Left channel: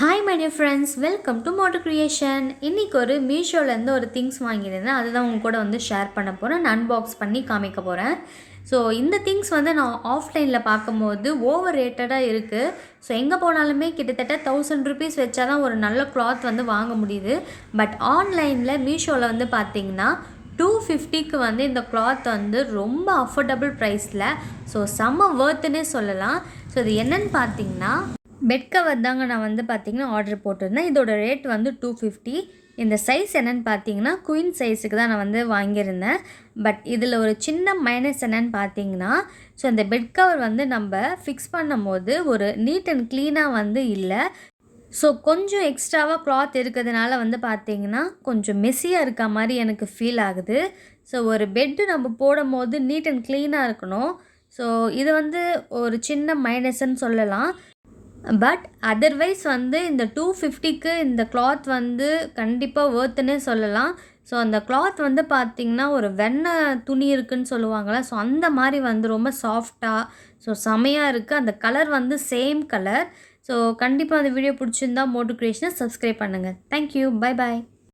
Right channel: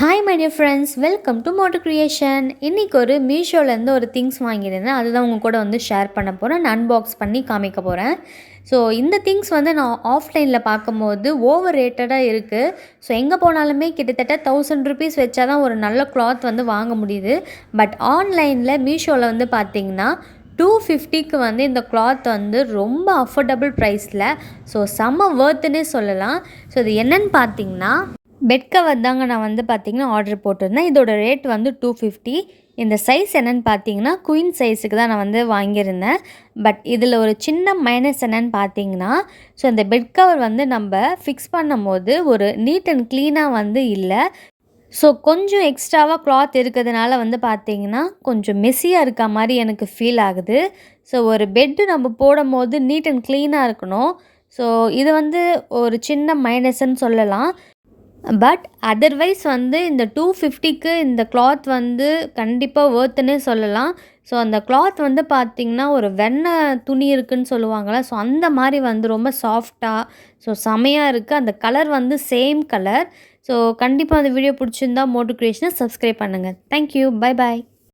Hi my dear friends, welcome to motor creation. இன்றைக்கி ஒரு மீஷோலேருந்து ஒரு திங்ஸ் வாங்கியிருந்தேன். அதுதான் உங்கள் கூட வந்து ஷேர் பண்ண போகிறேன். நான் அன்பாக்ஸ் பண்ணி காமிக்க போகிறேன். ஸோ இந்த திங்ஸ் வந்து நான் ஆஃப்லைனில் பார்க்கும்போது ஓவர் ரேட்டடாக இருக்குது. ஸோ எங்கே போனாலுமே கிட்டத்தட்ட 1000 ருபீஸ் வச்சா தான் ஒரு நல்ல கிளாத் வந்து வாங்க முடியுது. பட் ஆன்லைனில் மீஷோவில் வந்து பார்த்திங்கன்னா 250க்கு வந்து இந்த கிளாத் வந்து ரொம்ப அஃபோர்டபுள் ப்ரைஸில், ஸோ செம்ம வர்த்துன்னே சொல்லலாம். ஸோ இது என்னென்னு பார்த்திங்கன்னா பெட் கவர் தாங்க. நான் வந்து பார்த்திங்கன்னா ஆர்டர் போட்டிருந்தேன். இதோட ரேட் வந்து 250. இந்த சைஸ் என்னென்னு பார்த்தீங்கன்னா குயின் சைஸுக்கு தான் நான் வந்து வாங்கியிருந்தேன். பட் இதில் ஒரு சின்ன மைனஸ் என்னென்னு பார்த்தீங்கன்னா, ஸோ இந்த பெட் கவர் வந்து நம்ம ஃபிக்ஸ் பண்ணும் போது ஒரு நீட் அண்ட் க்ளீனாக வந்து இல்லை. ஸோ கொஞ்சம் எக்ஸ்ட்ராவாக கிளாத் இருக்கிறதுனால வந்து பார்த்திங்கன்னா கொஞ்சம் மெஸ்ஸியாக இருக்க மாதிரி எனக்கு ஃபீல் ஆகுது. ஸோ ஒரு பெட்டு நம்ம போடும் போது நீட் அண்ட் க்ளீனாக இருக்கணும். ஸோ இது வந்து ஒரு சின்ன மைனஸ்ன்னு சொல்லலாம். பட் அதர்வைஸ் வந்து இந்த 250க்கு இந்த கிளாத் வந்து கண்டிப்பாக வர்த்துன்னே சொல்லலாம். ஸோ அந்த கிளாத் வந்து பார்த்திங்கன்னா ஒரு வெண்ணெய் துணி இருக்குதுன்னு சொல்லுவாங்களே, ஸோ அந்த மாதிரி வந்து ரொம்ப சாஃப்டாக, ஸோ செமையாக இருக்குது. அந்த கலர் வந்து சேம் கலர். ஸோ கண்டிப்பாக அந்த வீடியோ பிடிச்சிருந்தா மோட்டர் கிரியேஷனை சப்ஸ்கிரைப் பண்ணுங்கள். தேங்க்யூ. Bye bye.